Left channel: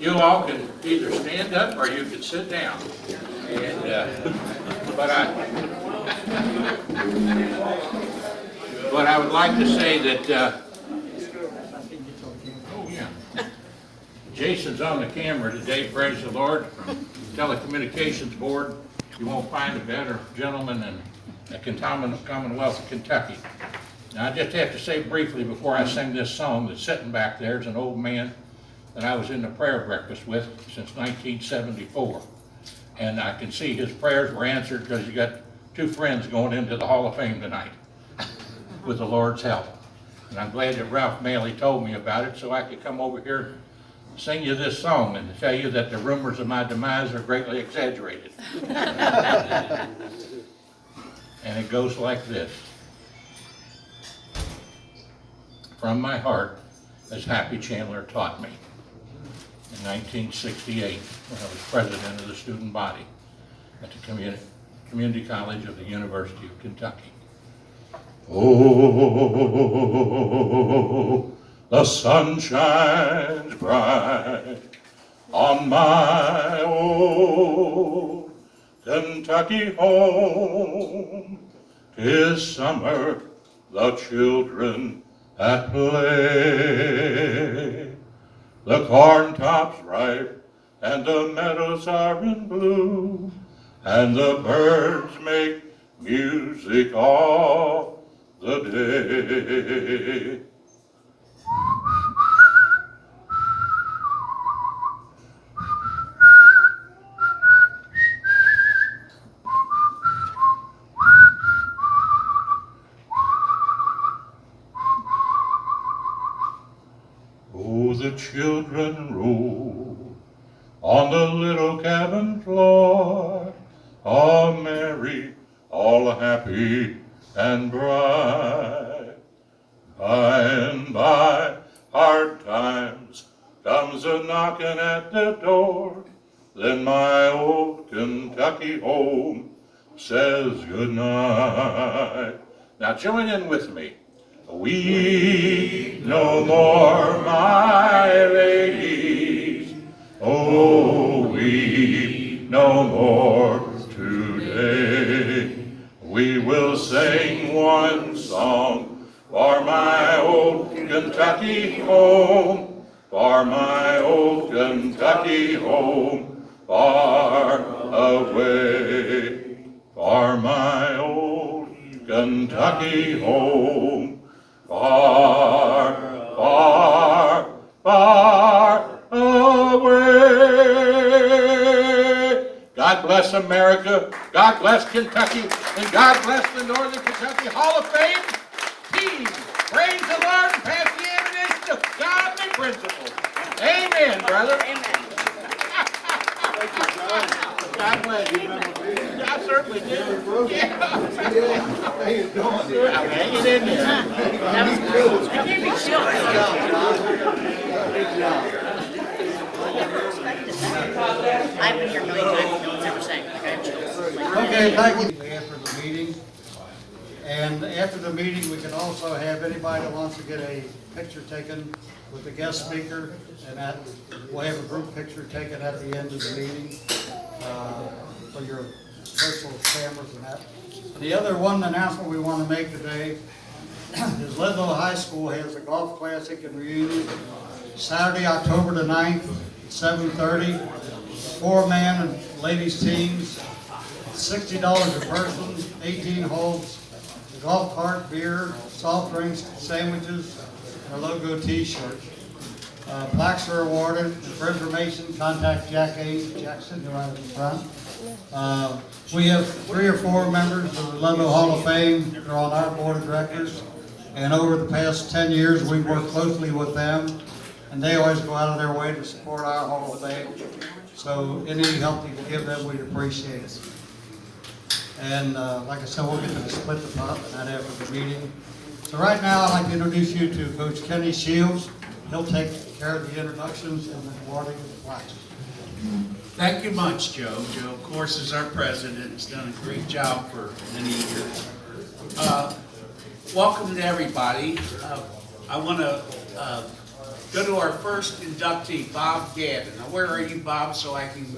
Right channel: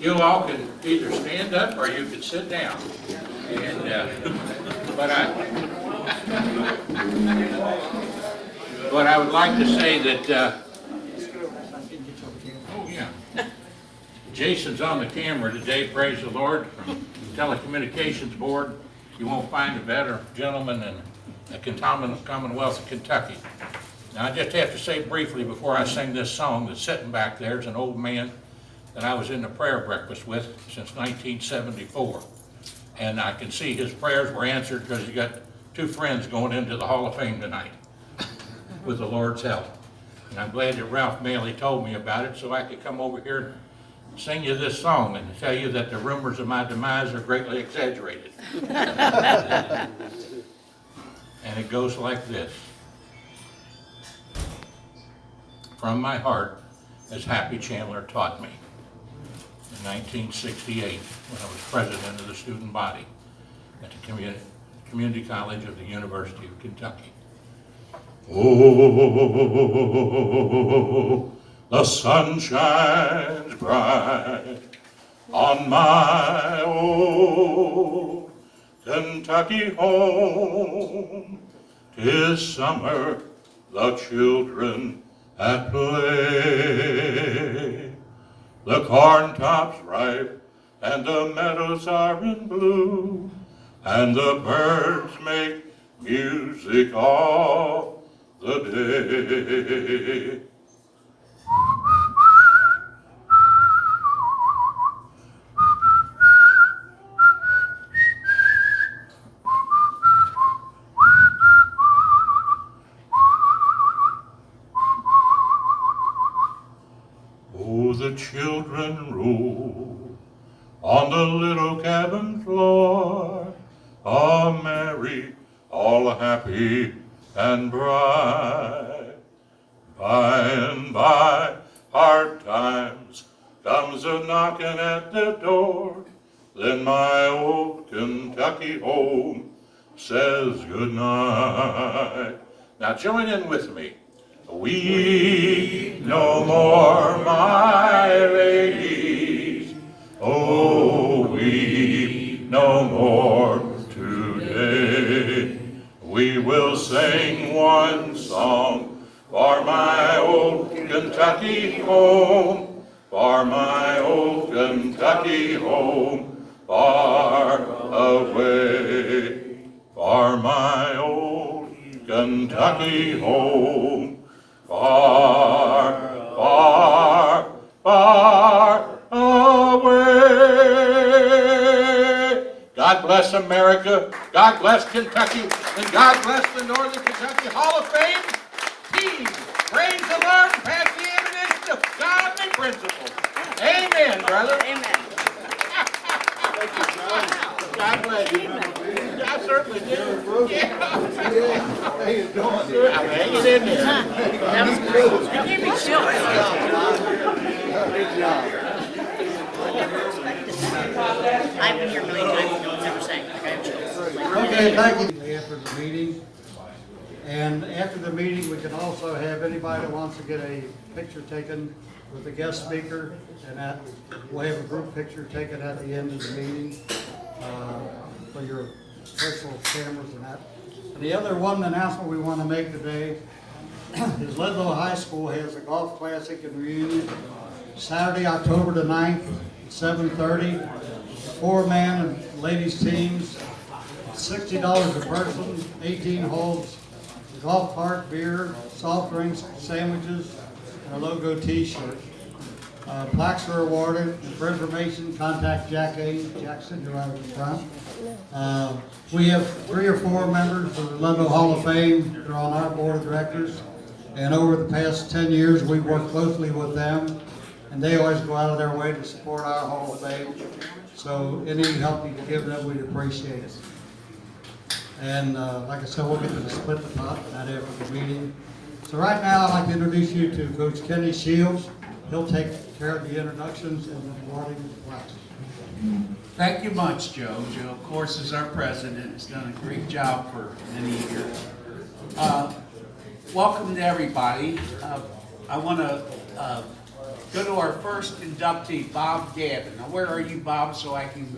You all can either stand up or you can sit down. And, but I would like to say that, oh yeah, Jason's on the camera today, praise the Lord, from Telecommunications Board. You won't find a better gentleman in the Commonwealth of Kentucky. Now, I just have to say briefly before I sing this song that's sitting back there is an old man that I was in the prayer breakfast with since 1974. And I can see his prayers were answered because he got two friends going into the Hall of Fame tonight with the Lord's help. And I'm glad that Ralph Maley told me about it so I could come over here and sing you this song and tell you that the rumors of my demise are greatly exaggerated. And it goes like this. From my heart, as Happy Chandler taught me in 1968 when I was president of the student body at the Community College of the University of Kentucky. Oh, the sun shines bright on my old Kentucky home. 'Tis summer, the children at play. The corn tops ripe and the meadows are in bloom, and the birds make music all the day. Oh, the children roll on the little cabin floor, all merry, all happy and bright. By and by, hard times comes a knocking at the door, then my old Kentucky home says goodnight. Now join in with me. Weep no more, my ladies, oh, weep no more today. We will sing one song for my old Kentucky home, for my old Kentucky home, far away, for my old Kentucky home. Far, far, far away. God bless America, God bless Kentucky, and God bless the Northern Kentucky Hall of Fame team. Praise the Lord and pass the evidence to godly principles. Amen, brother. Amen. Thank you, John. God bless you. I certainly did. Yeah. How you doing? I'm hanging in there. I can't be sure. Good job. I've been here a million times, no one's ever saying, Okay, thank you. After the meeting, and after the meeting, we can also have anybody that wants to get a picture taken with the guest speaker, and that, we'll have a group picture taken at the end of the meeting for your personal cameras and that. And the other one announcement we want to make today is Ludlow High School has a golf classic and reunion Saturday, October the 9th, 7:30. 4-man and ladies teams, $60 a person, 18 holes, a golf cart, beer, soft drinks, sandwiches, and a logo t-shirt. Plaques are awarded. For information, contact Jackson, who are in front. We have 3 or 4 members of the Ludlow Hall of Fame who are on our board of directors. And over the past 10 years, we've worked closely with them. And they always go out of their way to support our Hall of Fame. So any help you can give them, we'd appreciate it. And like I said, we'll get to split the pot and that after the meeting. So right now, I'd like to introduce you to Coach Kenny Shields. He'll take care of the introductions and the awarding of the plaques. Thank you much, Joe. Joe, of course, is our president. Has done a great job for many years. Welcome to everybody. I want to go to our first inductee, Bob Gavin. Now, where are you, Bob, so I can,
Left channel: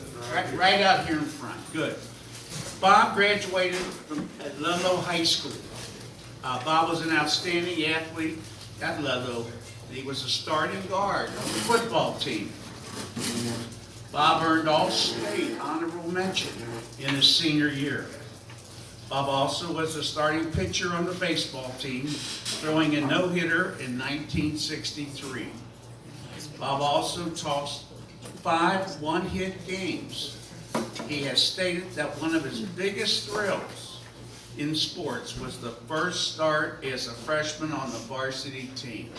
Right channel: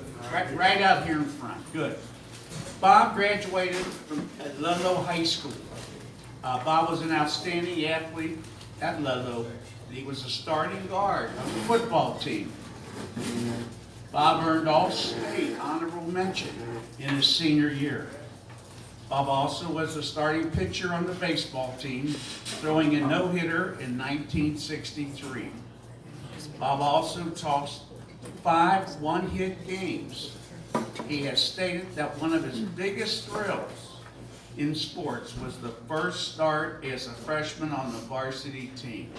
right out here in front, good. Bob graduated from at Ludlow High School. Bob was an outstanding athlete at Ludlow. He was a starting guard on the football team. Bob earned All-State honorable mention in his senior year. Bob also was a starting pitcher on the baseball team, throwing a no-hitter in 1963. Bob also tossed 5 one-hit games. He has stated that one of his biggest thrills in sports was the first start as a freshman on the varsity team.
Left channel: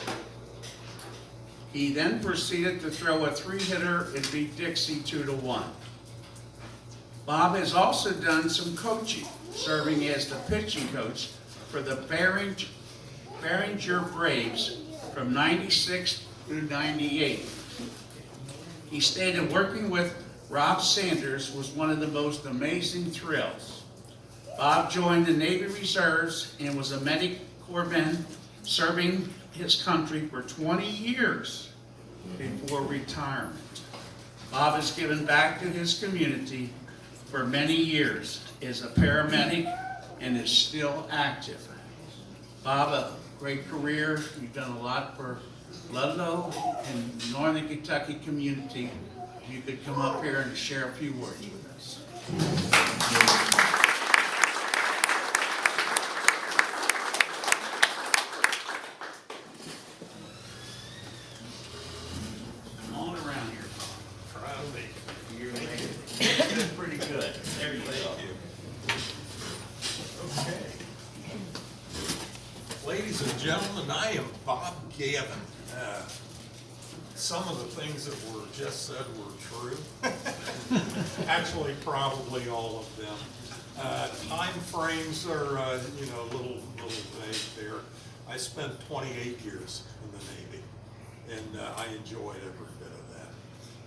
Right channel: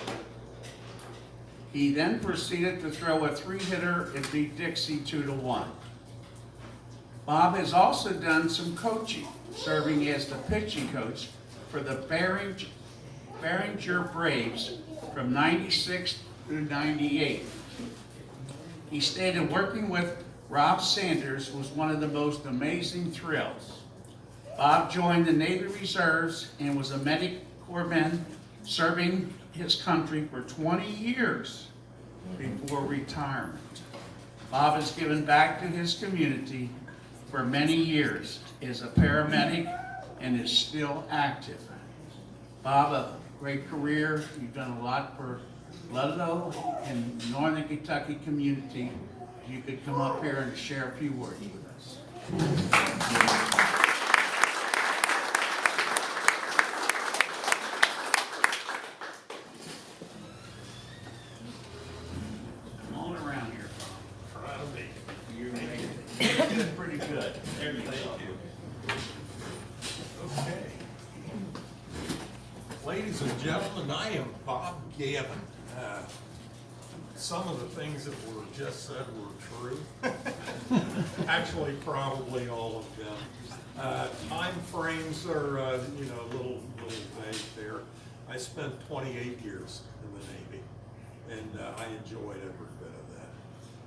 He then proceeded to throw a 3-hitter and beat Dixie 2-1. Bob has also done some coaching, serving as the pitching coach for the Behringer Braves from 96 through 98. He stated working with Rob Sanders was one of the most amazing thrills. Bob joined the Navy Reserves and was a Medicorpsman, serving his country for 20 years before retirement. Bob has given back to his community for many years as a paramedic and is still active. Bob, a great career. You've done a lot for Ludlow and Northern Kentucky community. If you could come up here and share a few words with us. Come on around here, Bob. Try to make it. You're making it pretty good. There you go. Thank you. Okay. Ladies and gentlemen, I am Bob Gavin. Some of the things that were just said were true. Actually, probably all of them. Time frames are, a little vague there. I spent 28 years in the Navy, and I enjoyed every bit of that.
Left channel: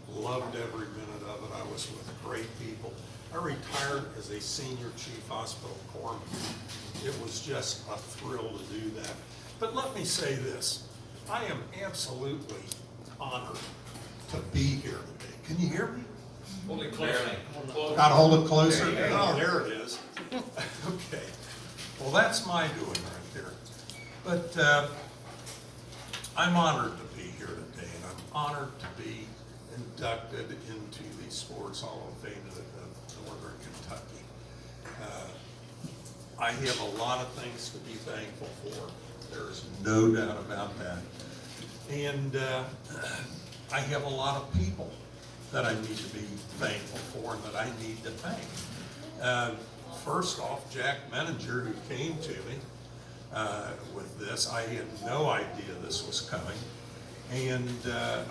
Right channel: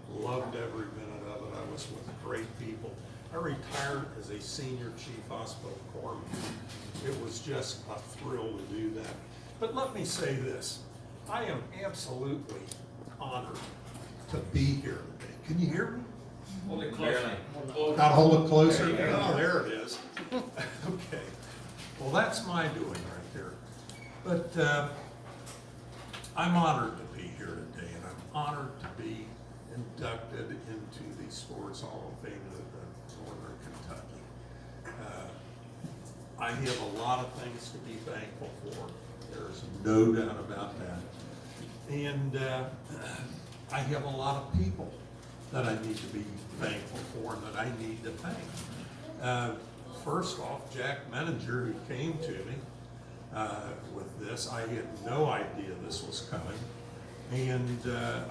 Loved every minute of it. I was with great people. I retired as a senior chief hospital corpsman. It was just a thrill to do that. But let me say this, I am absolutely honored to be here today. Can you hear me? Hold it closely. Gotta hold it closer? Oh, there it is. Okay. Well, that's my doing right there. But I'm honored to be here today, and I'm honored to be inducted into the Sports Hall of Fame of Northern Kentucky. I have a lot of things to be thankful for. There's no doubt about that. And I have a lot of people that I need to be thankful for and that I need to thank. First off, Jack Menninger, who came to me with this. I had no idea this was coming. And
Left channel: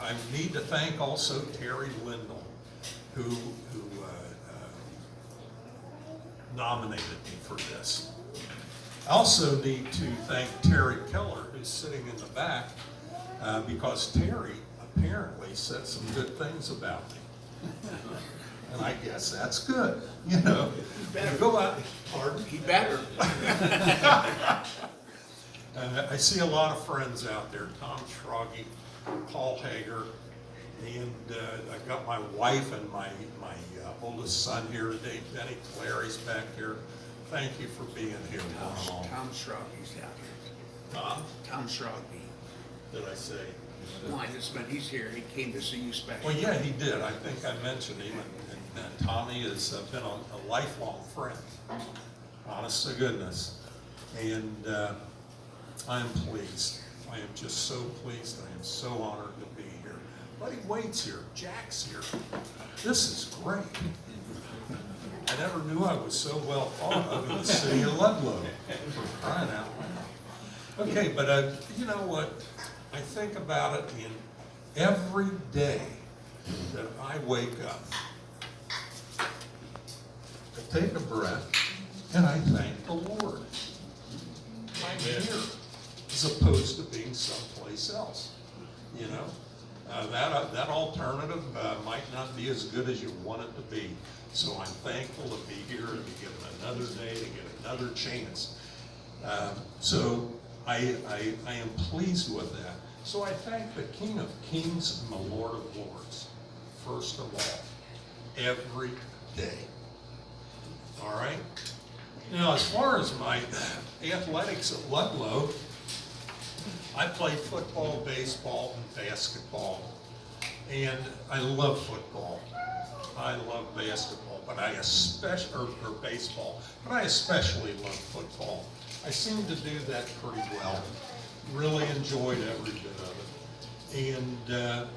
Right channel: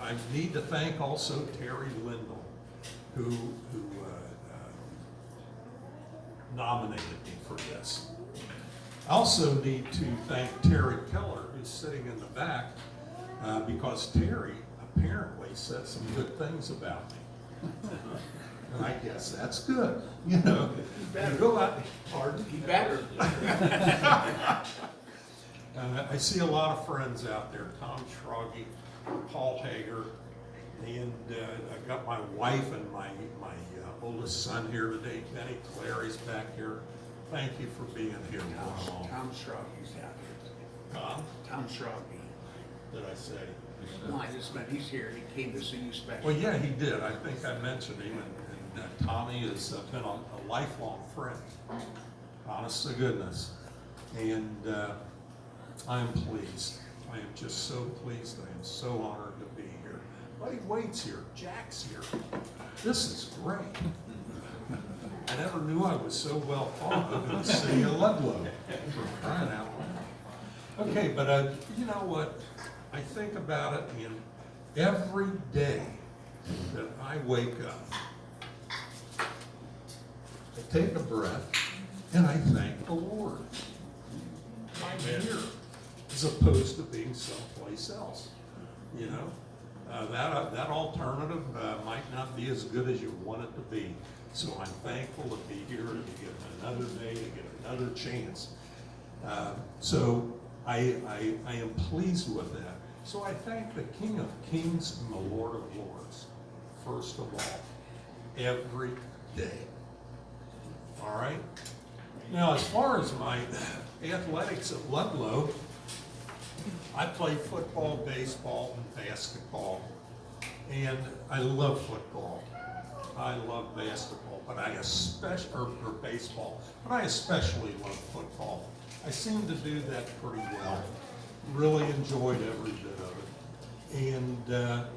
I need to thank also Terry Lindell, who nominated me for this. I also need to thank Terry Keller, who's sitting in the back, because Terry apparently said some good things about me. And I guess that's good, you know. Go out, pardon? He better. I see a lot of friends out there, Tom Schroggy, Paul Hager, and I got my wife and my oldest son here today, Benny Clary's back here. Thank you for being here. Tom Schroggy's out here. Tom, Tom Schroggy. did I say? No, I just meant he's here. He came to see you special. Well, yeah, he did. I think I mentioned him, and Tommy has been a lifelong friend, honest to goodness. And I am pleased. I am just so pleased. I am so honored to be here. Buddy Wade's here. Jack's here. This is great. I never knew I was so well thought of in the city of Ludlow, for crying out loud. Okay, but you know what? I think about it in every day that I wake up. I take a breath and I thank the Lord. I'm here as opposed to being someplace else, you know? That alternative might not be as good as you want it to be. So I'm thankful to be here, to be given another day, to get another chance. So I am pleased with that. So I thank the King of Kings and the Lord of Lords, first of all, every day. All right? Now, as far as my athletics at Ludlow, I played football, baseball, and basketball. And I love football. I love basketball, but I especially, or baseball, but I especially love football. I seem to do that pretty well. Really enjoyed every bit of it. And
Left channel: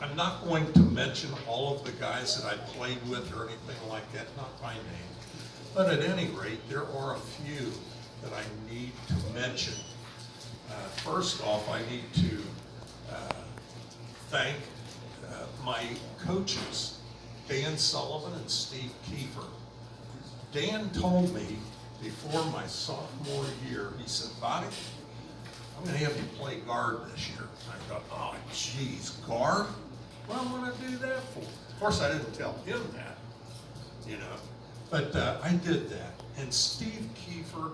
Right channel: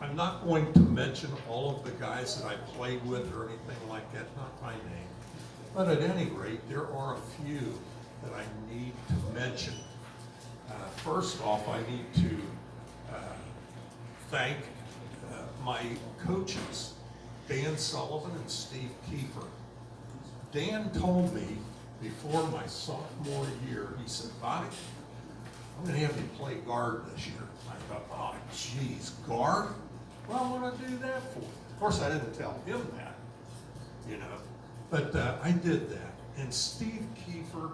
I'm not going to mention all of the guys that I played with or anything like that, not by name. But at any rate, there are a few that I need to mention. First off, I need to thank my coaches, Dan Sullivan and Steve Kiefer. Dan told me before my sophomore year, he said, "Bobby, I'm going to have you play guard this year." I thought, oh, geez, guard? What am I going to do that for? Of course, I didn't tell him that, you know, but I did that. And Steve Kiefer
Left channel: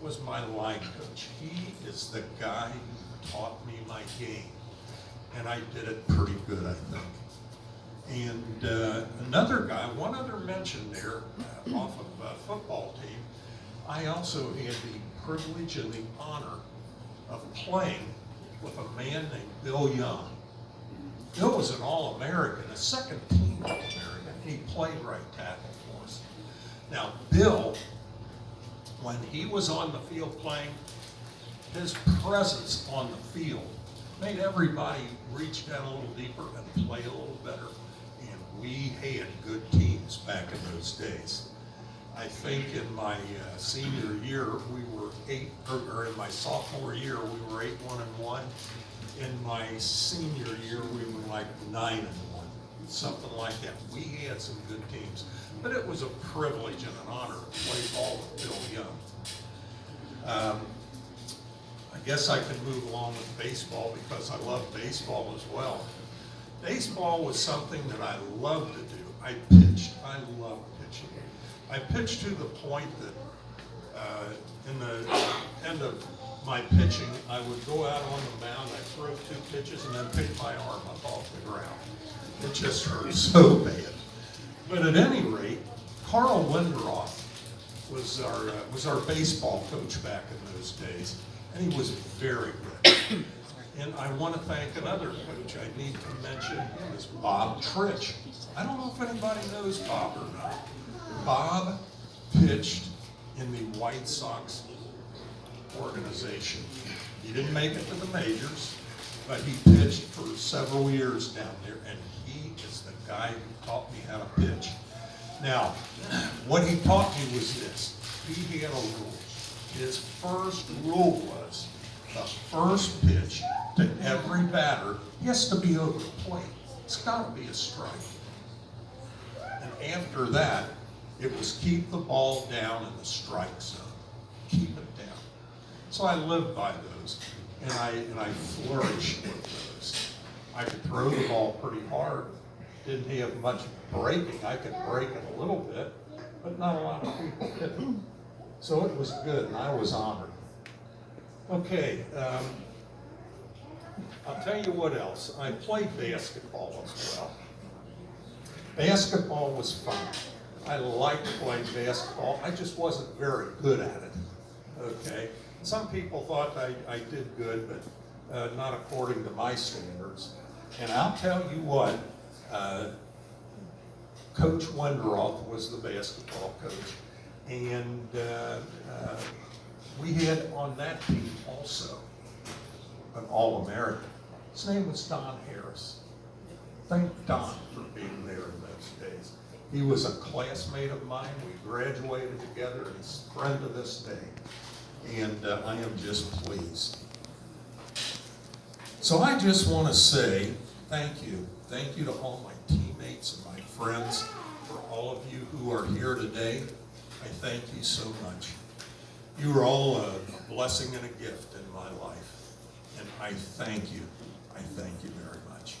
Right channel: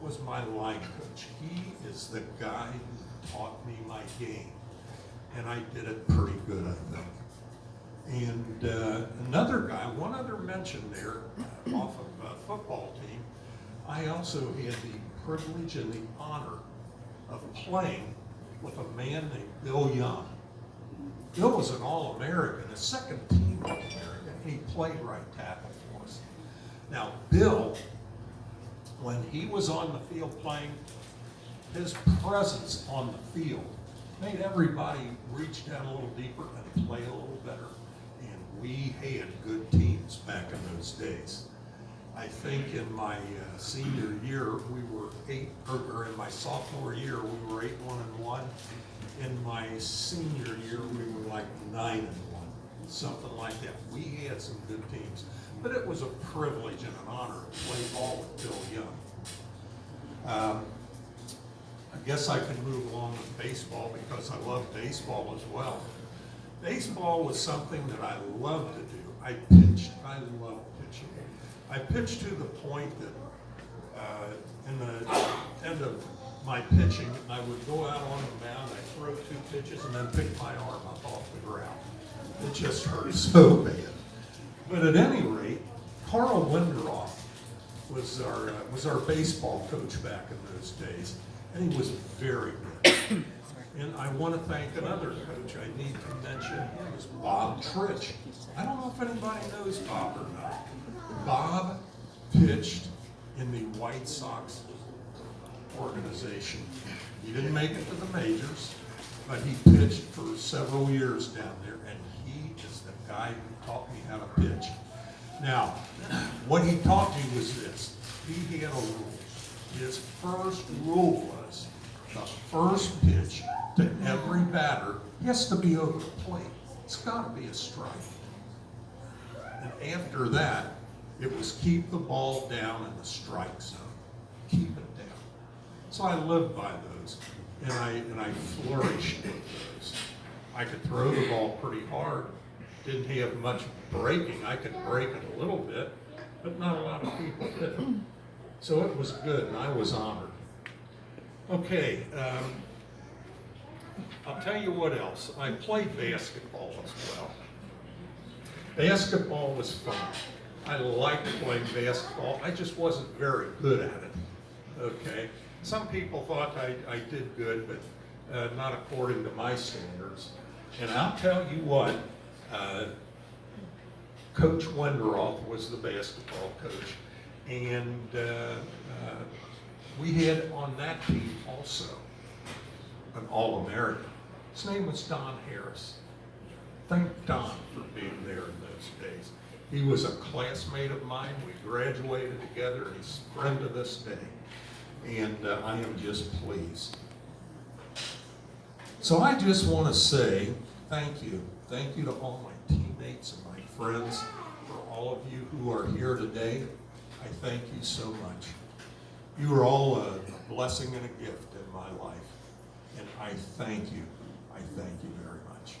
was my line coach. He is the guy who taught me my game, and I did it pretty good, I think. And another guy, one other mention there, off of football team, I also had the privilege and the honor of playing with a man named Bill Young. Bill was an All-American, a second team All-American. He played right tackle for us. Now, Bill, when he was on the field playing, his presence on the field made everybody reach down a little deeper and play a little better. And we had good teams back in those days. I think in my senior year, we were or in my sophomore year, we were 8-1-1. In my senior year, we were like 9-1, something like that. We had some good teams, but it was a privilege and an honor to play ball with Bill Young. I guess I can move along with baseball because I love baseball as well. Baseball was something that I loved to do. I pitched. I loved pitching. I pitched to the point that in the end of my pitching, I would go out on the mound, I'd throw 2 pitches, and then pick my arm up off the ground. It just hurt so bad. But at any rate, Carl Windroth was our baseball coach back in those days, and he was very good. And I want to thank another coach. I need to mention him is Bob Trich. I don't know if anybody knows Bob or not. Bob pitched in the White Sox organization. He didn't make it to the majors, but he pitched for several years down there, and he is the guy who taught me how to pitch. Now, what he taught me was this. He had a rule. His first rule was the first pitch to every batter has to be over the plate. It's got to be a strike. And after that, it was keep the ball down in the strike zone. Keep it down. So I lived by those, and I flourished with those. I could throw the ball pretty hard. Didn't have much breaking. I could break it a little bit, but not a lot of people did. So it was good, and I was honored. Okay, I'll tell you what else. I played basketball as well. Basketball was fun. I liked playing basketball. I just wasn't very good at it, okay? Some people thought I did good, but not according to my standards. And I'll tell you what, Coach Windroth was the basketball coach, and we had on that team also an All-American. His name was Don Harris. Thank Don for being there in those days. He was a classmate of mine. We graduated together, and he's a friend to this day. And I am just pleased. So I just want to say thank you. Thank you to all my teammates and my friends, for all of you who are here today. I thank you so much. You are all a blessing and a gift in my life. And I thank you. I thank you very much.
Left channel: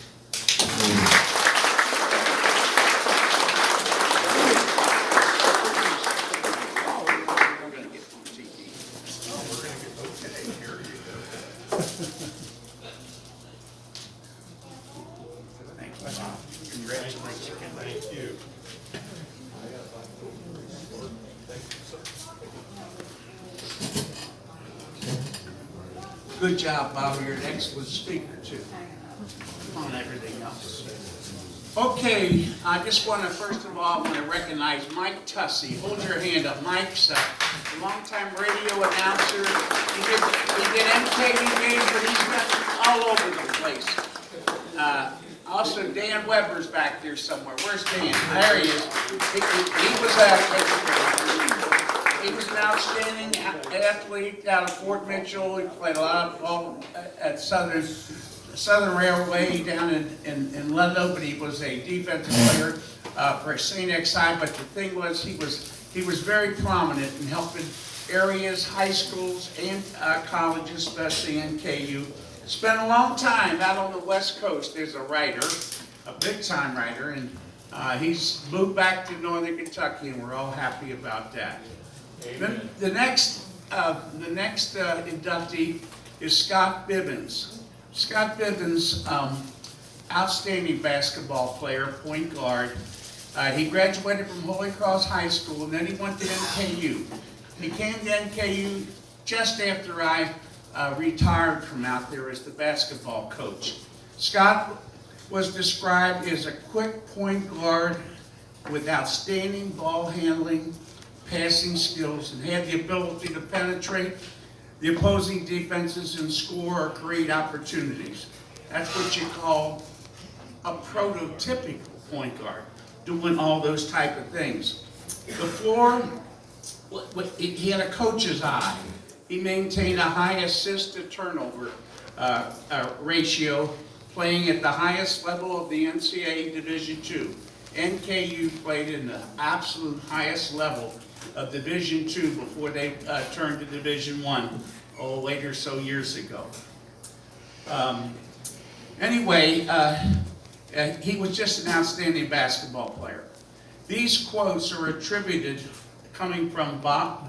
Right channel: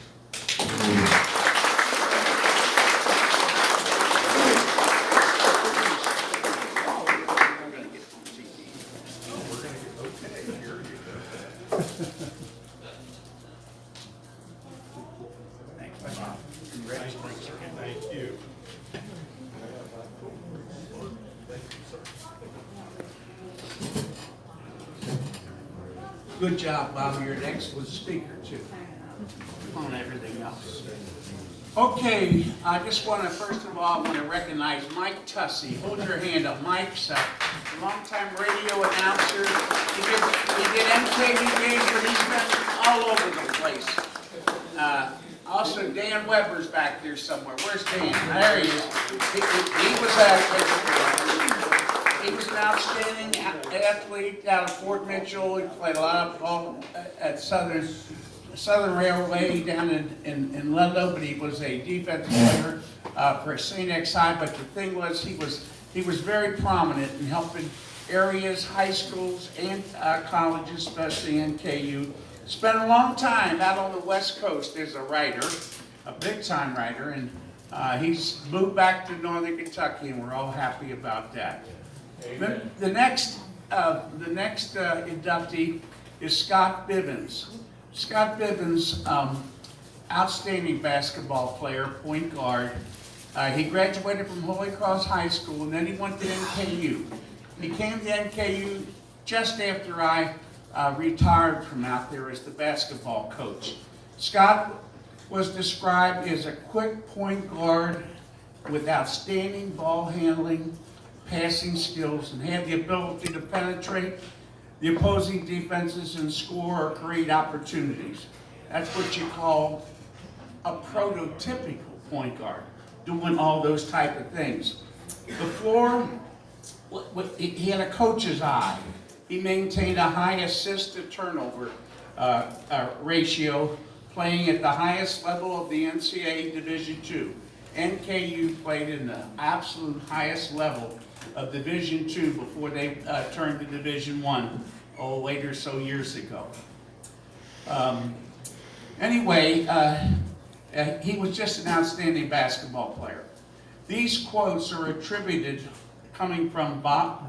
Oh, we're going to get, okay, here you go. Good job, Bob. You're an excellent speaker, too, on everything else. Okay, I just want to, first of all, recognize Mike Tussey. Hold your hand up. Mike's a longtime radio announcer. He did MKV games, but he's been all over the place. Also, Dan Weber's back there somewhere. Where's Dan? There he is. He was an outstanding athlete out of Fort Mitchell. He played a lot of ball at Southern Railway down in Ludlow, but he was a defensive player for St. X High. But the thing was, he was very prominent in helping areas, high schools, and colleges, especially NKU. Spent a long time out on the West Coast as a writer, a big-time writer, and he's moved back to Northern Kentucky, and we're all happy about that. The next inductee is Scott Bibbons. Scott Bibbons, outstanding basketball player, point guard. He graduated from Holy Cross High School, and then he went to NKU. He came to NKU just after I retired from out there as the basketball coach. Scott was described as a quick point guard with outstanding ball handling, passing skills, and had the ability to penetrate the opposing defenses and score or create opportunities. That's what you call a prototypical point guard, doing all those type of things. The floor, he had a coach's eye. He maintained a high assist to turnover ratio, playing at the highest level of the NCAA Division II. NKU played in the absolute highest level of Division II before they turned to Division I, later so years ago. Anyway, he was just an outstanding basketball player. These quotes are attributed coming from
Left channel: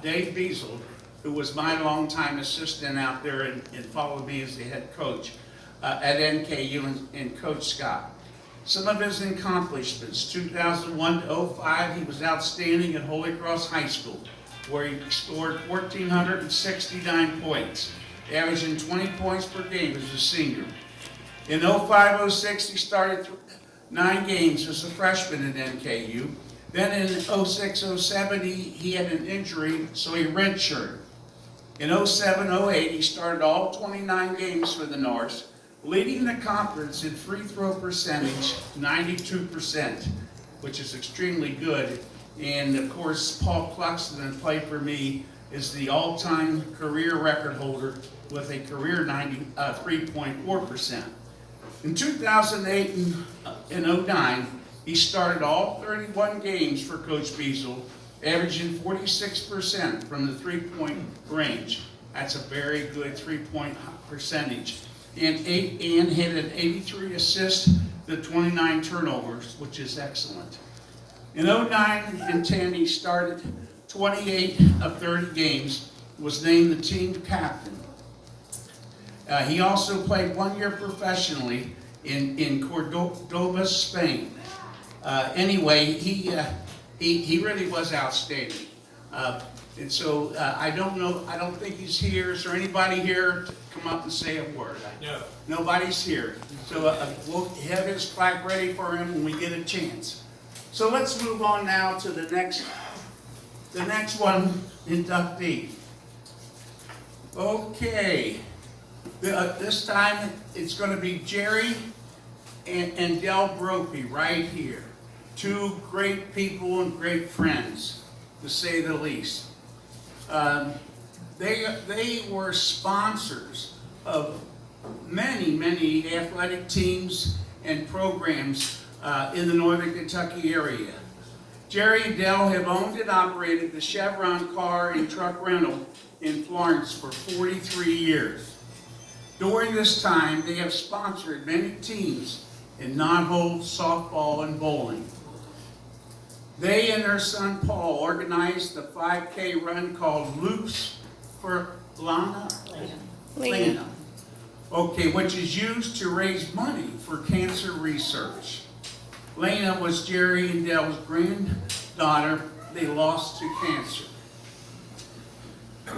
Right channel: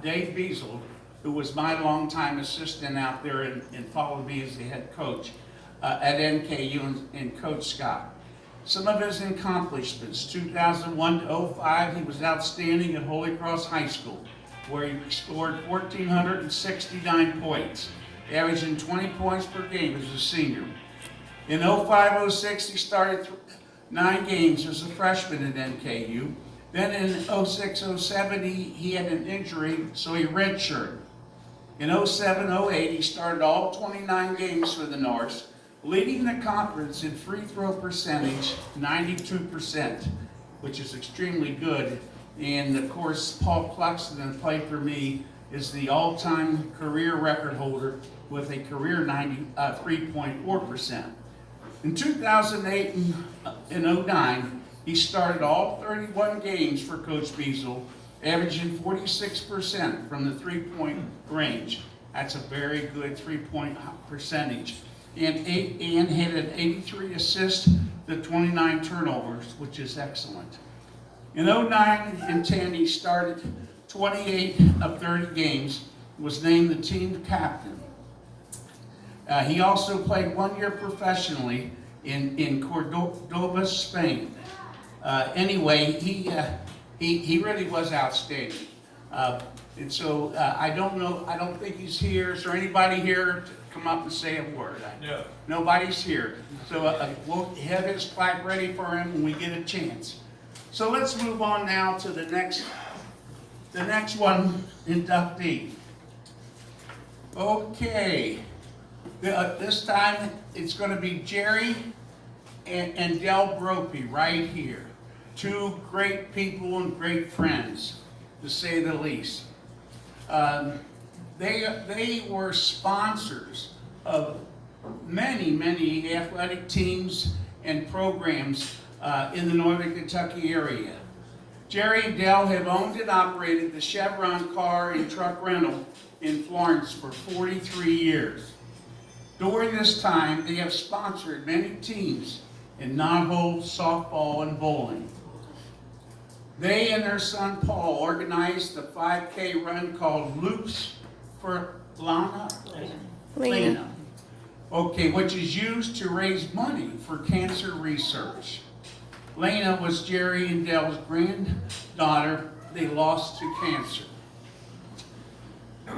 Dave Beazle, who was my longtime assistant out there and followed me as the head coach at NKU and Coach Scott. Some of his accomplishments: 2001 to 05, he was outstanding at Holy Cross High School, where he scored 1,469 points, averaging 20 points per game as a senior. In 05-06, he started 9 games as a freshman at NKU. Then in 06-07, he had an injury, so he redshirted. In 07-08, he started all 29 games for the Norse, leading the conference in free throw percentage, 92%, which is extremely good. And of course, Paul Cluxton, played for me, is the all-time career record holder with a career 93.4%. In 2008 and 09, he started all 31 games for Coach Beazle, averaging 46% from the three-point range. That's a very good three-point percentage. And had an 83 assists to 29 turnovers, which is excellent. In 09 and 10, he started 28 of 30 games, was named the team captain. He also played 1 year professionally in Cordoba, Spain. Anyway, he really was outstanding. And so I don't think he's here. Is there anybody here to come up and say a word? No. Nobody's here. So we'll have his plaque ready for him when we get a chance. So let's move on now to the next one, inductee. Okay. This time it's going to be Jerry and Del Brophy right here. 2 great people and great friends, to say the least. They were sponsors of many athletic teams and programs in the Northern Kentucky area. Jerry and Del have owned and operated the Chevron car and truck rental in Florence for 43 years. During this time, they have sponsored many teams in knot-hole, softball, and bowling. They and their son Paul organized the 5K run called Loops for Lena. Okay, which is used to raise money for cancer research. Lena was Jerry and Dell's granddaughter they lost to cancer.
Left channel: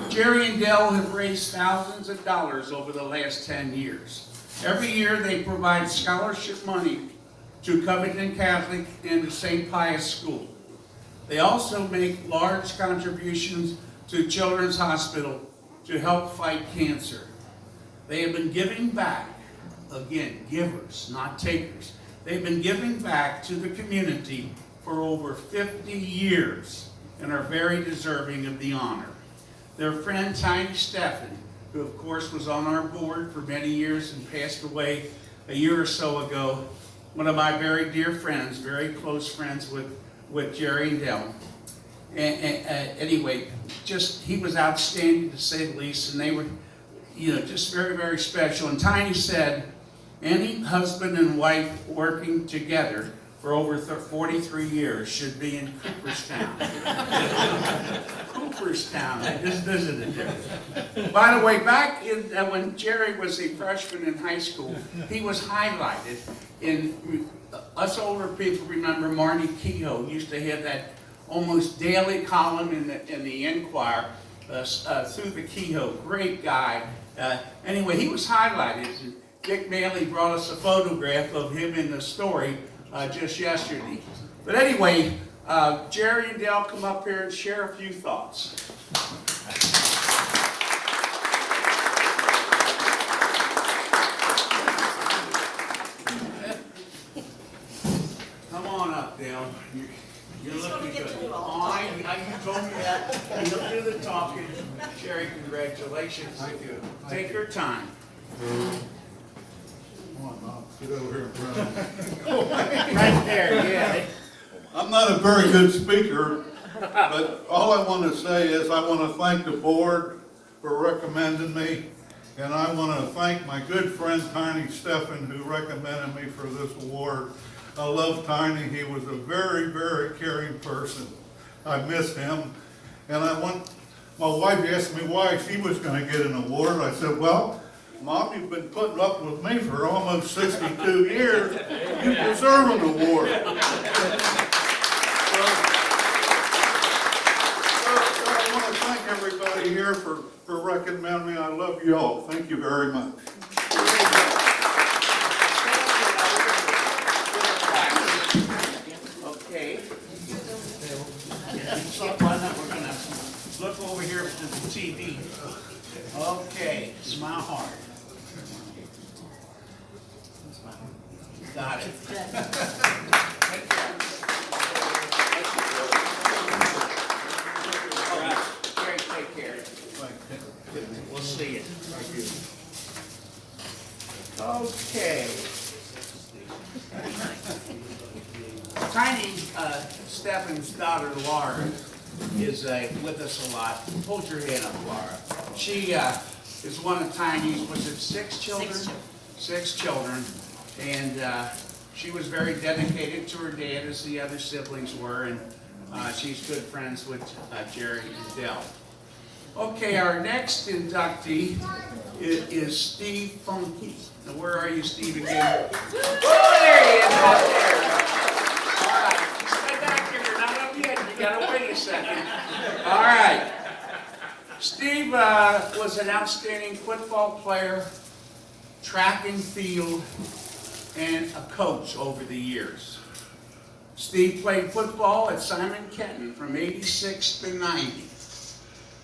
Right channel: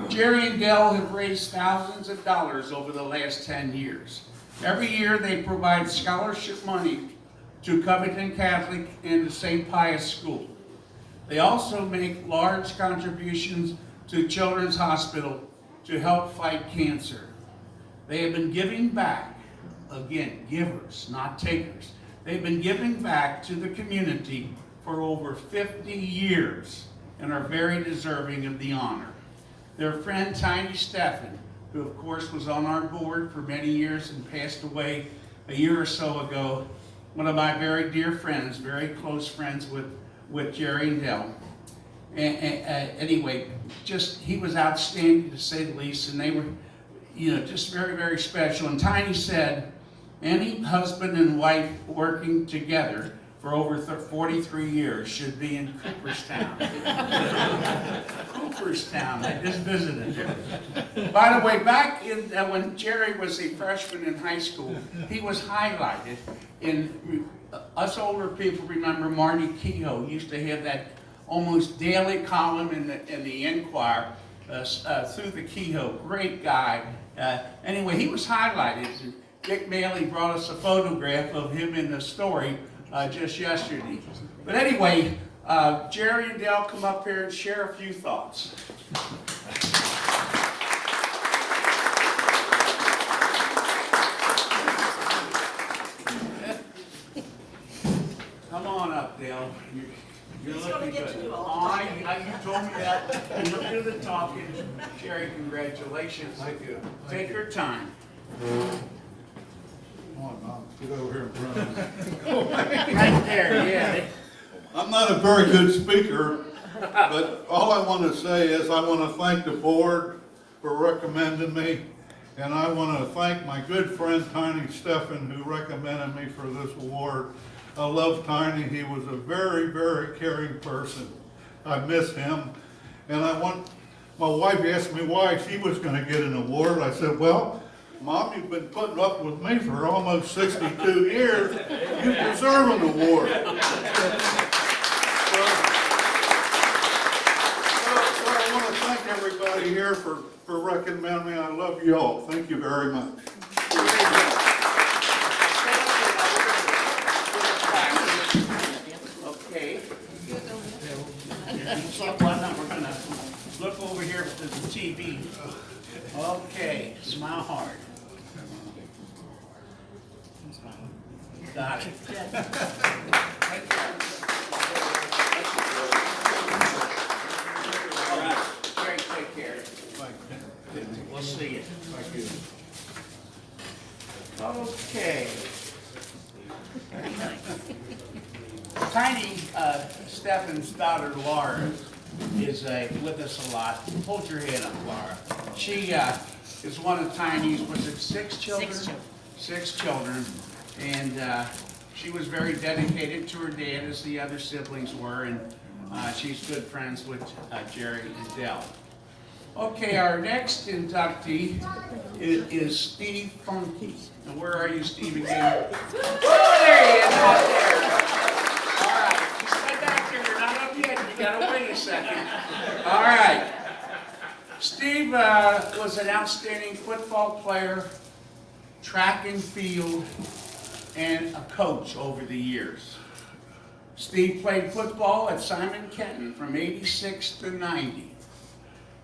Jerry and Dale have raised thousands of dollars over the last 10 years. Every year they provide scholarship money to Covington Catholic and the St. Pius School. They also make large contributions to Children's Hospital to help fight cancer. They have been giving back, again, givers, not takers. They've been giving back to the community for over 50 years and are very deserving of the honor. Their friend Tiny Stephen, who of course was on our board for many years and passed away a year or so ago, one of my very dear friends, very close friends with Jerry and Dell. Anyway, just he was outstanding to say the least, and they were, just very, very special. And Tiny said, any husband and wife working together for over 43 years should be in Cooperstown. Cooperstown, I just visited there. By the way, back in, when Jerry was a freshman in high school, he was highlighted in, us older people remember Marty Kehoe used to have that almost daily column in the Enquirer through the Kehoe, great guy. Anyway, he was highlighted. Dick Maley brought us a photograph of him in the story just yesterday. But anyway, Jerry and Dale come up here and share a few thoughts. Come on up, Dale. You're looking good. Oh, you told me that. You'll do the talking. Jerry, congratulations. Thank you. Take your time. Come on, Bob, get over here in front of me. Right there, yeah. I'm not a very good speaker, but all I want to say is I want to thank the board for recommending me, and I want to thank my good friend Tiny Stephen who recommended me for this award. I love Tiny. He was a very, very caring person. I miss him, and my wife asked me why she was going to get an award. I said, well, Mom, you've been putting up with me for almost 62 years. You deserve an award. So I want to thank everybody here for recommending me. I love you all. Thank you very much. Okay. Why not? We're gonna look over here to the TV. Okay, smile hard. Got it. All right, Jerry, take care. We'll see you. Thank you. Okay. Tiny Stephen's daughter Laura is with us a lot. Hold your hand up, Laura. She is one of Tiny's, was it 6 children? 6 children. 6 children. And she was very dedicated to her dad as the other siblings were, and she's good friends with Jerry and Dell. Okay, our next inductee is Steve Funke. Now, where are you, Steve, again? Oh, there he is, up there. All right, you stay back there. You're not up yet. You gotta wait a second. All right. Steve was an outstanding football player, track and field, and a coach over the years. Steve played football at Simon Kenton from '86 to '90.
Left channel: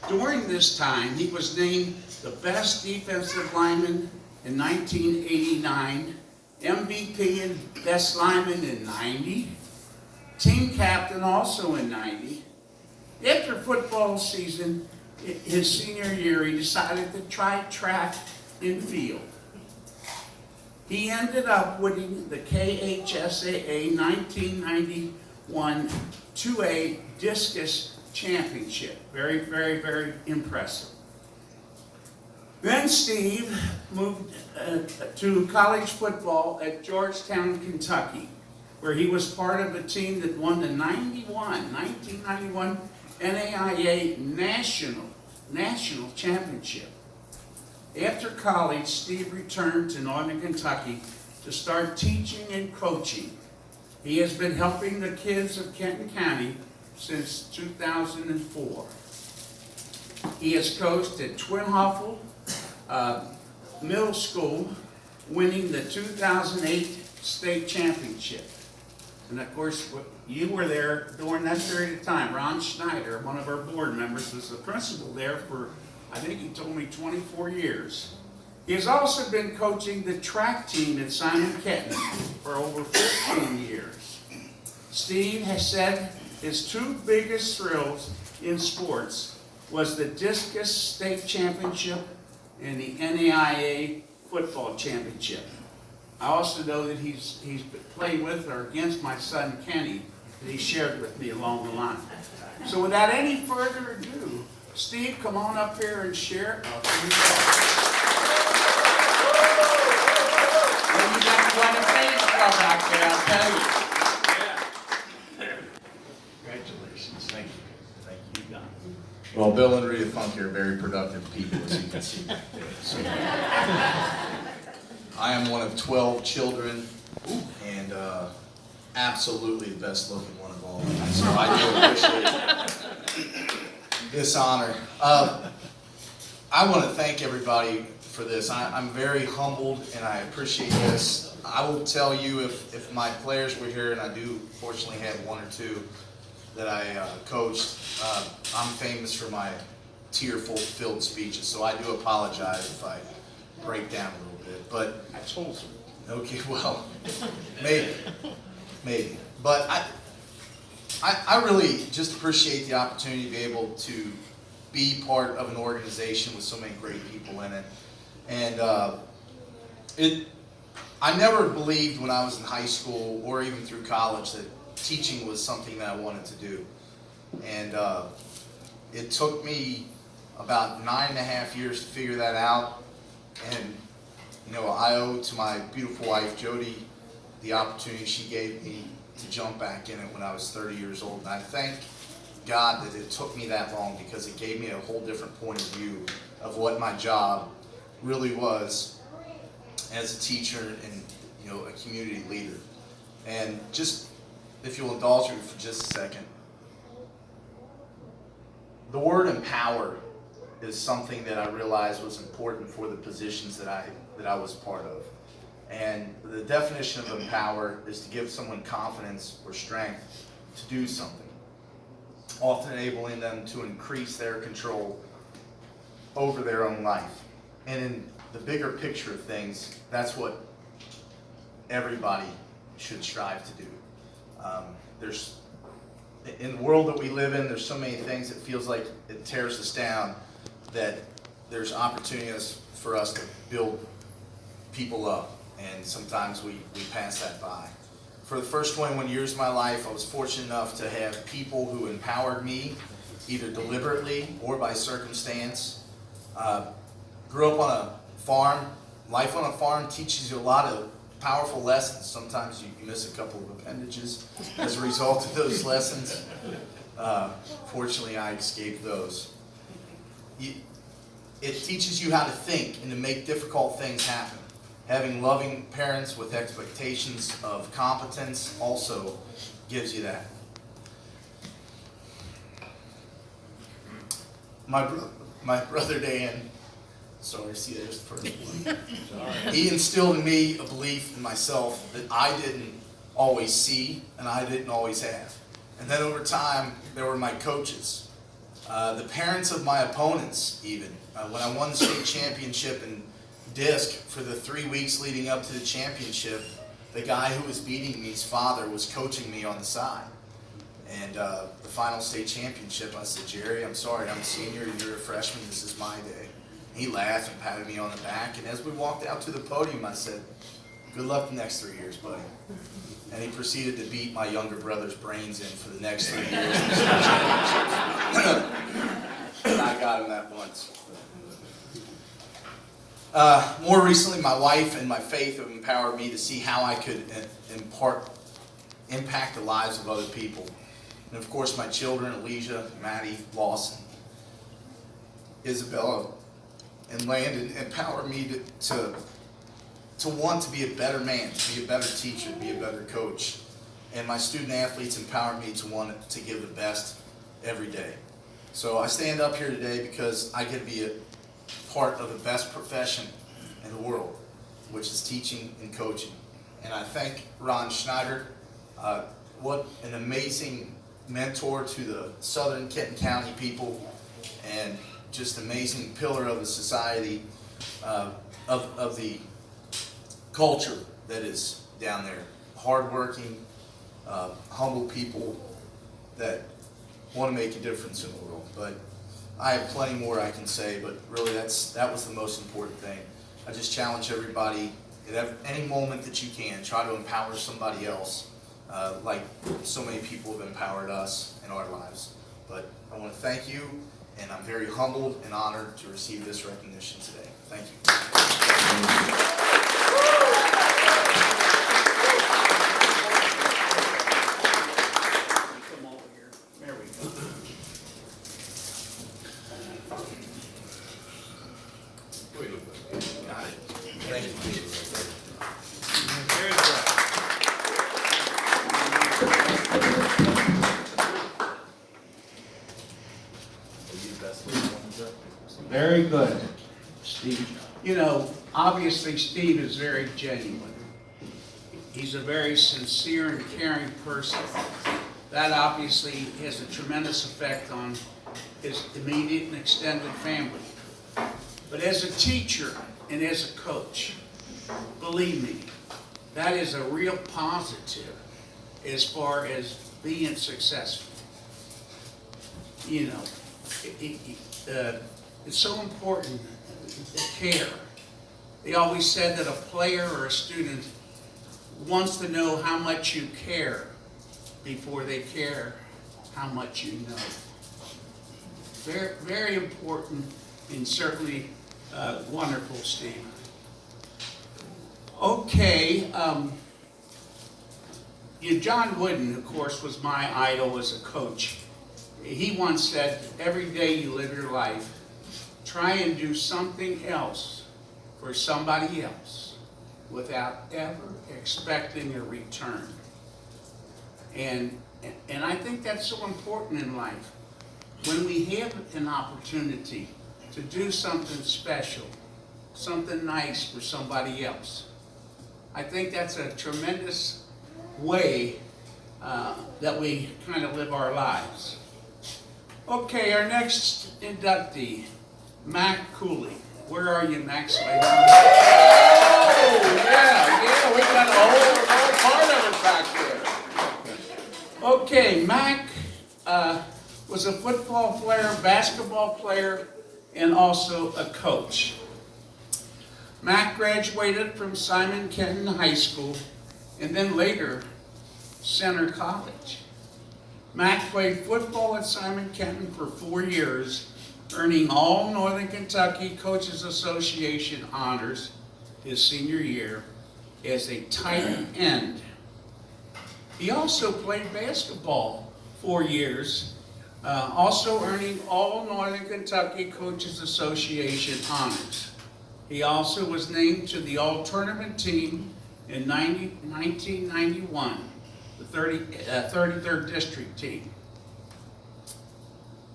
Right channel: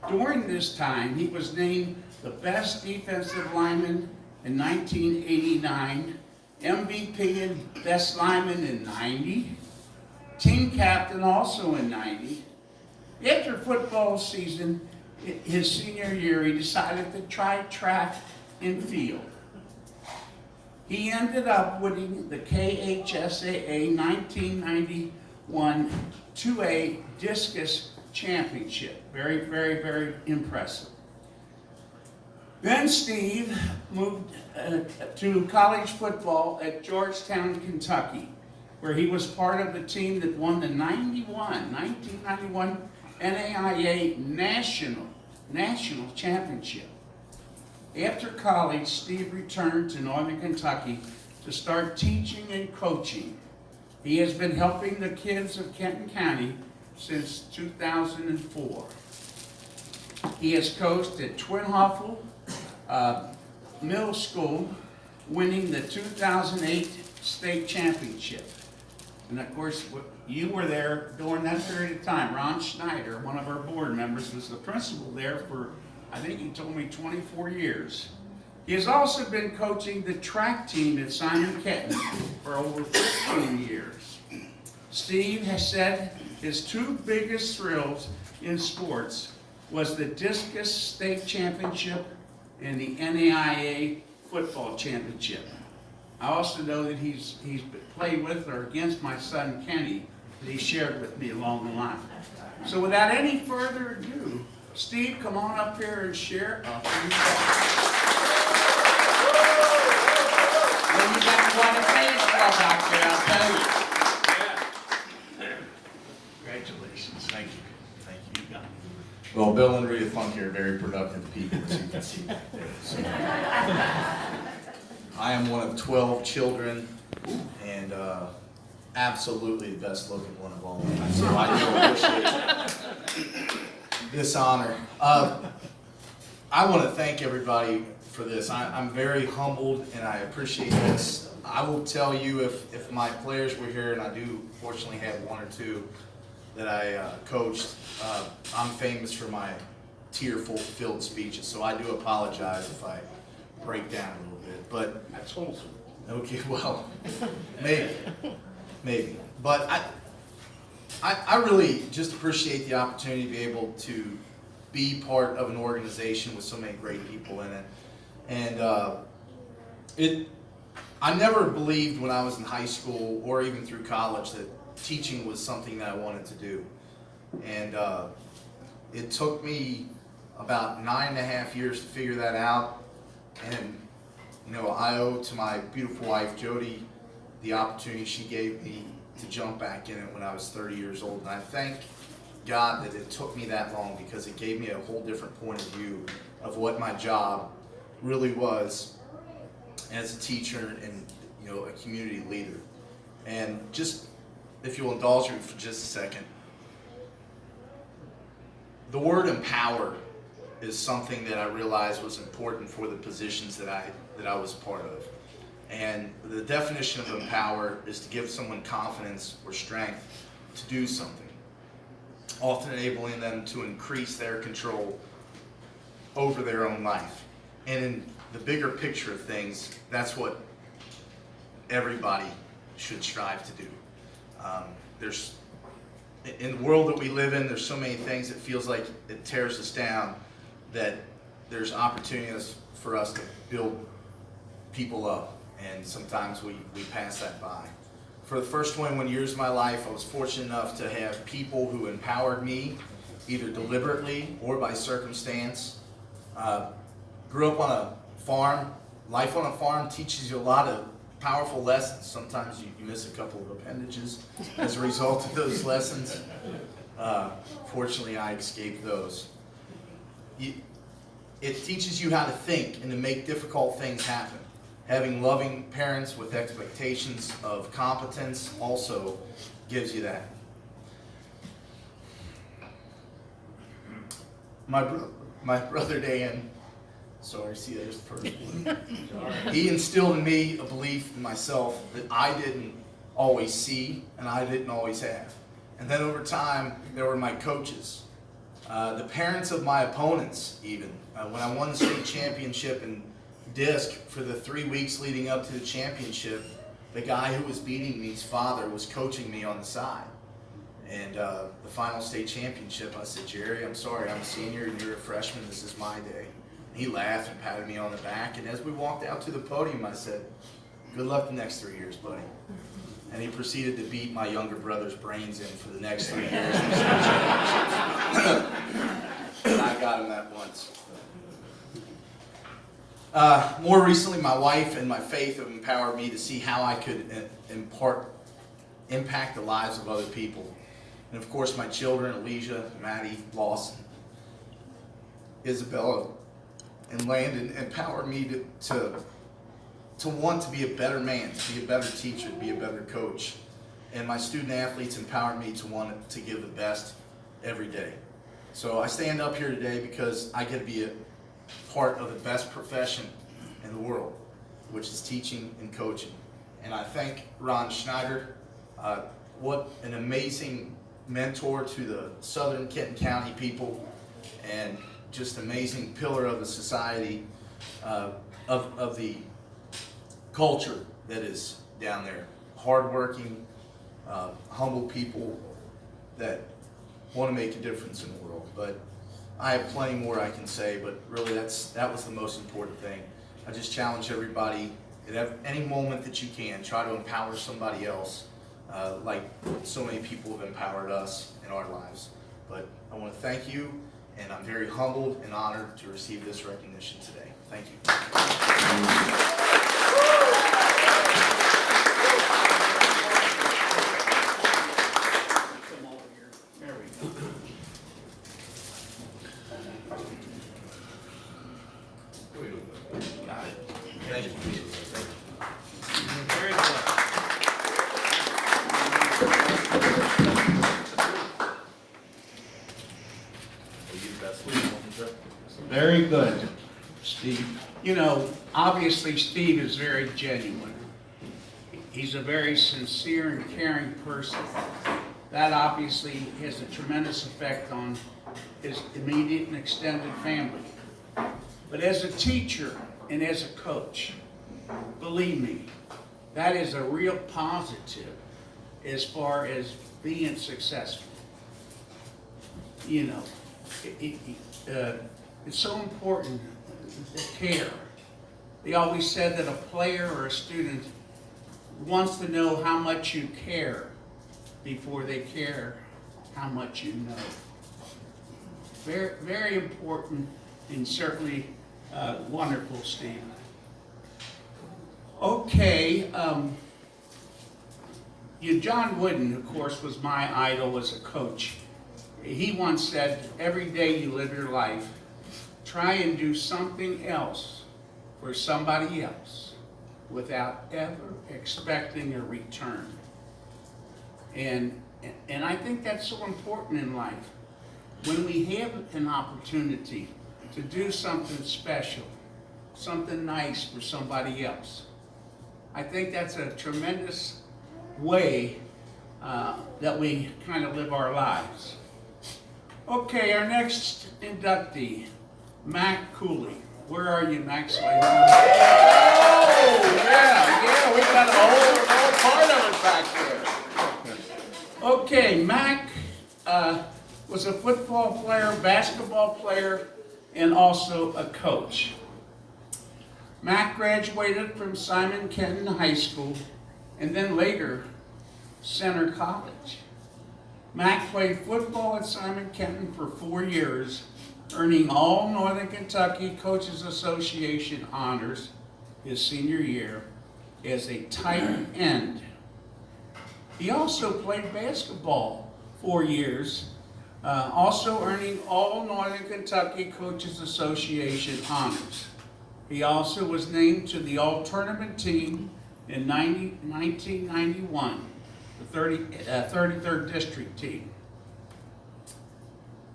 During this time, he was named the best defensive lineman in 1989, MVP and best lineman in '90, team captain also in '90. After football season, his senior year, he decided to try track and field. He ended up winning the KHSAA 1991 2A Discus Championship. Very, very, very impressive. Then Steve moved to college football at Georgetown, Kentucky, where he was part of the team that won the 1991 NAIA National Championship. After college, Steve returned to Northern Kentucky to start teaching and coaching. He has been helping the kids of Kenton County since 2004. He has coached at Twin Hoffel Middle School, winning the 2008 state championship. And of course, you were there during that period of time. Ron Schneider, one of our board members, was the principal there for, I think he told me, 24 years. He has also been coaching the track team at Simon Kenton for over 15 years. Steve has said his two biggest thrills in sports was the discus state championship and the NAIA football championship. I also know that he's played with or against my son Kenny that he shared with me along the line. So without any further ado, Steve, come on up here and share a few thoughts. Well, you got one of these guys out there, I'll tell you. Congratulations. Thank you. Thank you. You got it. Well, Bill and Rita Funke are very productive people, as you can see back there. So, I am one of 12 children, and absolutely the best looking one of all. So I do appreciate this honor. I want to thank everybody for this. I'm very humbled, and I appreciate this. I will tell you, if my players were here, and I do fortunately have one or two that I coached, I'm famous for my tear-filled speeches, so I do apologize if I break down a little bit. But That's wholesome. okay, well, maybe. But I really just appreciate the opportunity to be able to be part of an organization with so many great people in it. And I never believed when I was in high school or even through college that teaching was something that I wanted to do. And it took me about 9.5 years to figure that out. And you know, I owe to my beautiful wife, Jody, the opportunity she gave me to jump back in it when I was 30 years old. And I thank God that it took me that long, because it gave me a whole different point of view of what my job really was as a teacher and, you know, a community leader. And just, if you'll indulge me for just a second, the word empower is something that I realized was important for the positions that I was part of. And the definition of empower is to give someone confidence or strength to do something, often enabling them to increase their control over their own life. And in the bigger picture of things, that's what everybody should strive to do. In the world that we live in, there's so many things that feels like it tears us down, that there's opportunities for us to build people up, and sometimes we pass that by. For the first 21 years of my life, I was fortunate enough to have people who empowered me, either deliberately or by circumstance. Grew up on a farm. Life on a farm teaches you a lot of powerful lessons. Sometimes you miss a couple of appendages as a result of those lessons. Fortunately, I escaped those. It teaches you how to think and to make difficult things happen. Having loving parents with expectations of competence also gives you that. My brother Dan, sorry, see there's the first one. He instilled in me a belief in myself that I didn't always see and I didn't always have. And then over time, there were my coaches, the parents of my opponents even. When I won the state championship in disc for the 3 weeks leading up to the championship, the guy who was beating me's father was coaching me on the side. And the final state championship, I said, Jerry, I'm sorry, I'm a senior and you're a freshman, this is my day. And he laughed and patted me on the back, and as we walked out to the podium, I said, good luck the next 3 years, buddy. And he proceeded to beat my younger brother's brains in for the next 3 years in the state championships. And I got him that once. More recently, my wife and my faith have empowered me to see how I could impact the lives of other people. And of course, my children, Elijah, Maddie, Lawson, Isabella, and Landon empowered me to want to be a better man, to be a better teacher, to be a better coach. And my student athletes empowered me to want to give the best every day. So I stand up here today because I get to be a part of the best profession in the world, which is teaching and coaching. And I thank Ron Schneider. What an amazing mentor to the Southern Kenton County people, and just amazing pillar of the society, of the culture that is down there. Hardworking, humble people that want to make a difference in the world. But I have plenty more I can say, but really that was the most important thing. I just challenge everybody at any moment that you can, try to empower somebody else, like so many people have empowered us in our lives. But I want to thank you, and I'm very humbled and honored to receive this recognition today. Thank you. There we go. Got it. Thank you. Very good. Very good, Steve. You know, obviously Steve is very genuine. He's a very sincere and caring person. That obviously has a tremendous effect on his immediate and extended family. But as a teacher and as a coach, believe me, that is a real positive as far as being successful. You know, it's so important, the care. They always said that a player or a student wants to know how much you care before they care how much you know. Very, very important, and certainly wonderful, Steve. Okay, John Wooden, of course, was my idol as a coach. He once said, every day you live your life, try and do something else for somebody else without ever expecting a return. And I think that's so important in life. When we have an opportunity to do something special, something nice for somebody else, I think that's a tremendous way that we kind of live our lives. Okay, our next inductee, Mac Cooley. Where are you, Mac? So I Oh, yeah, we got a whole part of it back there. Okay, Mac was a football player, basketball player, and also a coach. Mac graduated from Simon Kenton High School and then later Center College. Mac played football at Simon Kenton for 4 years, earning all Northern Kentucky Coaches Association honors his senior year as a tight end. He also played basketball 4 years, also earning all Northern Kentucky Coaches Association honors. He also was named to the All-Tournament team in 1991, the 33rd District team.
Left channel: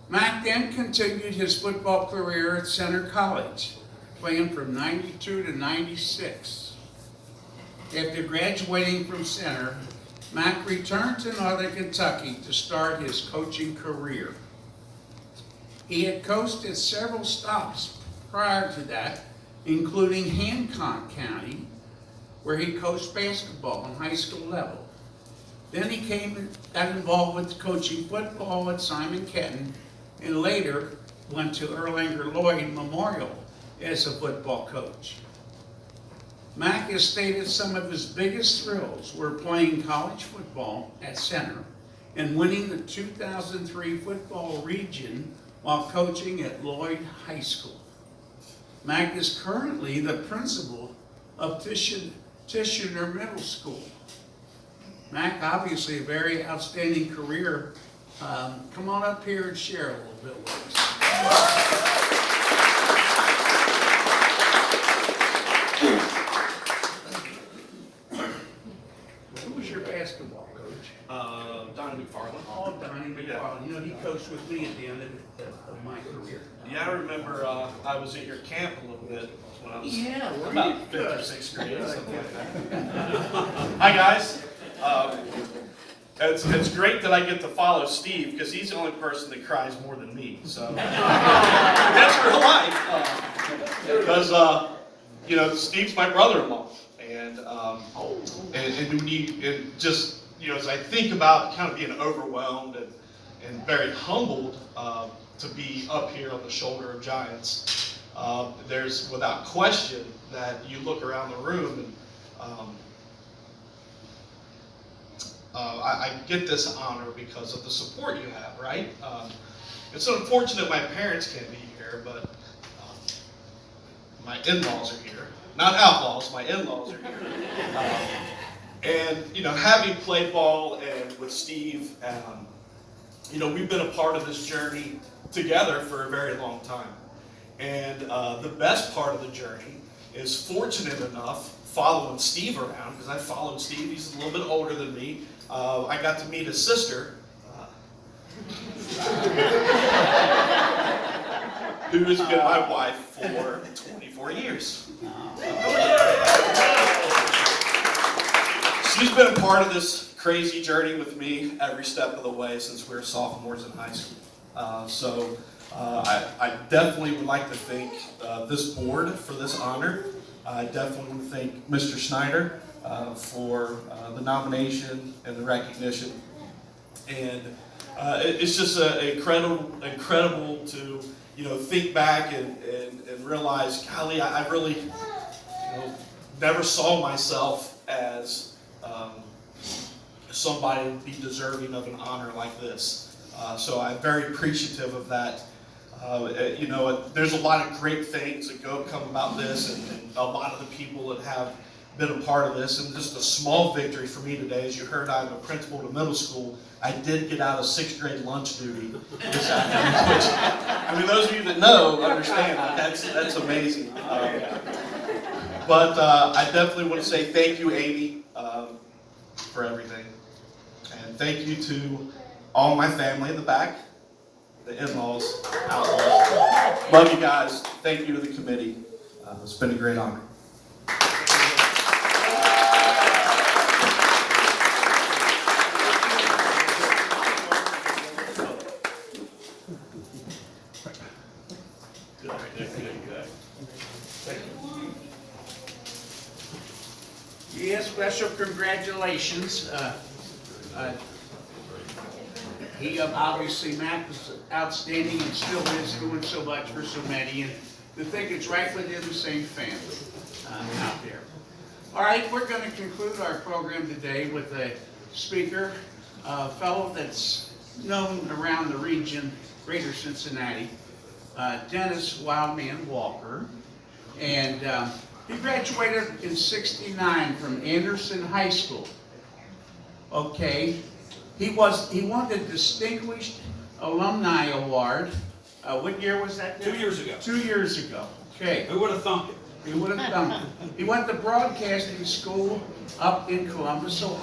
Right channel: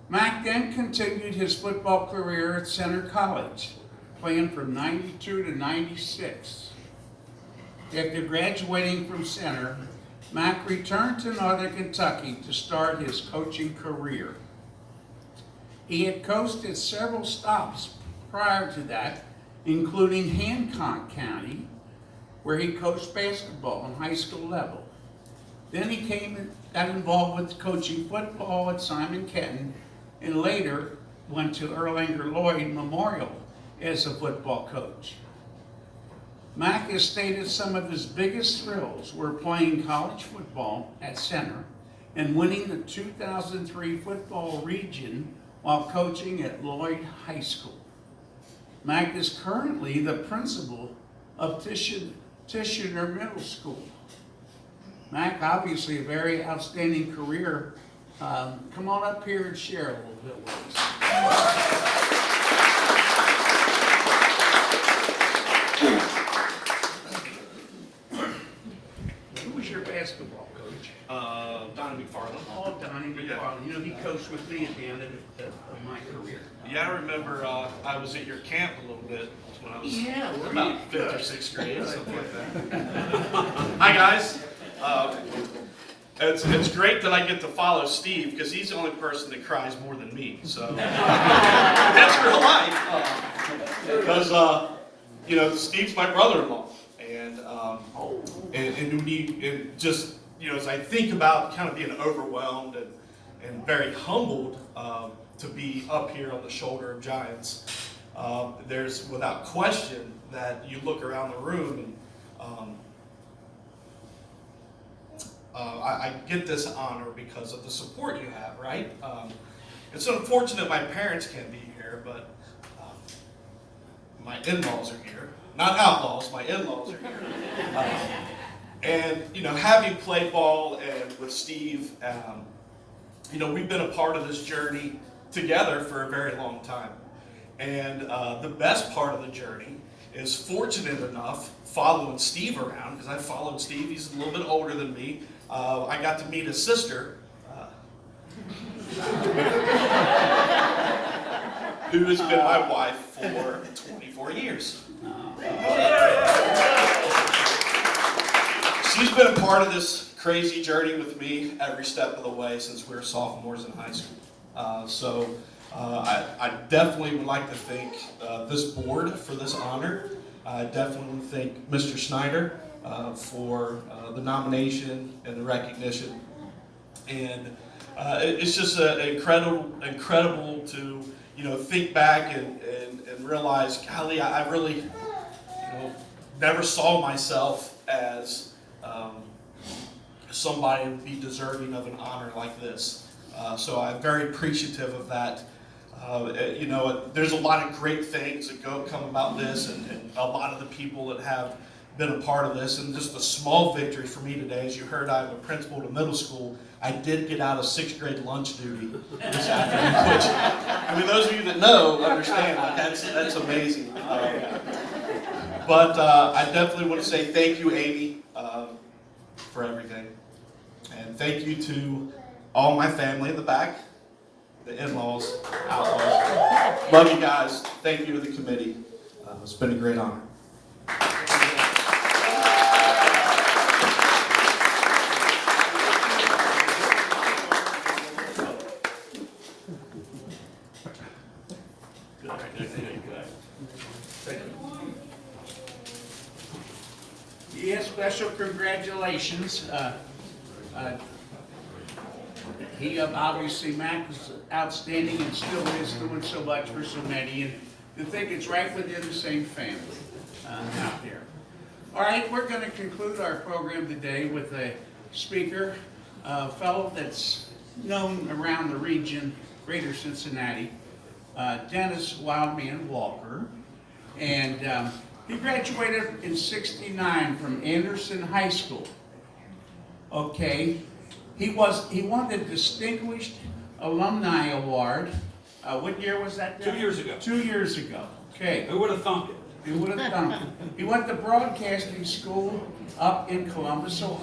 Mac then continued his football career at Center College, playing from 92 to 96. After graduating from Center, Mac returned to Northern Kentucky to start his coaching career. He had coached at several stops prior to that, including Hancock County, where he coached basketball on high school level. Then he got involved with coaching football at Simon Kenton, and later went to Erlanger Lloyd Memorial as a football coach. Mac has stated some of his biggest thrills were playing college football at Center and winning the 2003 football region while coaching at Lloyd High School. Mac is currently the principal of Tishner Middle School. Mac, obviously a very outstanding career. Come on up here and share a little bit with us. Who was your basketball coach? Donnie McFarland. Oh, Donnie. Marty McFarland. You know, he coached with me at the end of my career. Yeah, I remember I was at your camp a little bit when I was Yeah, were you? about 5th or Good. 6th grade or something like that. Hi, guys. It's great that I get to follow Steve because he's the only person that cries more than me. So that's real life. Because you know, Steve's my brother-in-law, and just you know, as I think about kind of being overwhelmed and very humbled to be up here on the shoulder of giants, there's without question that you look around the room and I get this honor because of the support you have, right? It's unfortunate my parents can't be here, but my in-laws are here. Not outlaws, my in-laws are here. And, you know, having played ball and with Steve, you know, we've been a part of this journey together for a very long time. And the best part of the journey is fortunate enough following Steve around, because I followed Steve, he's a little bit older than me. I got to meet his sister, who has been my wife for 24 years. She's been a part of this crazy journey with me every step of the way since we were sophomores in high school. I definitely would like to thank this board for this honor. I definitely want to thank Mr. Schneider for the nomination and the recognition. And it's just incredible to, you know, think back and realize, golly, I really, you know, never saw myself as somebody would be deserving of an honor like this. So I'm very appreciative of that. You know, there's a lot of great things that come about this, and a lot of the people that have been a part of this, and just a small victory for me today. As you heard, I'm a principal at a middle school. I did get out of 6th grade lunch duty this afternoon, which, I mean, those of you that know understand that that's amazing. But I definitely want to say thank you, Amy, for everything. And thank you to all my family in the back, the in-laws, outlaws. Love you guys. Thank you to the committee. It's been a great honor. Yeah, special congratulations. He obviously, Matt was outstanding and still is doing so much for so many, and to think it's right within the same family out there. All right, we're going to conclude our program today with a speaker, a fellow that's known around the region, greater Cincinnati, Dennis Wildman Walker, and he graduated in '69 from Anderson High School. Okay. He won the Distinguished Alumni Award. What year was that? 2 years ago. 2 years ago. Okay. Who would have thunked it? He would have done it. He went to broadcasting school up in Columbus, Ohio.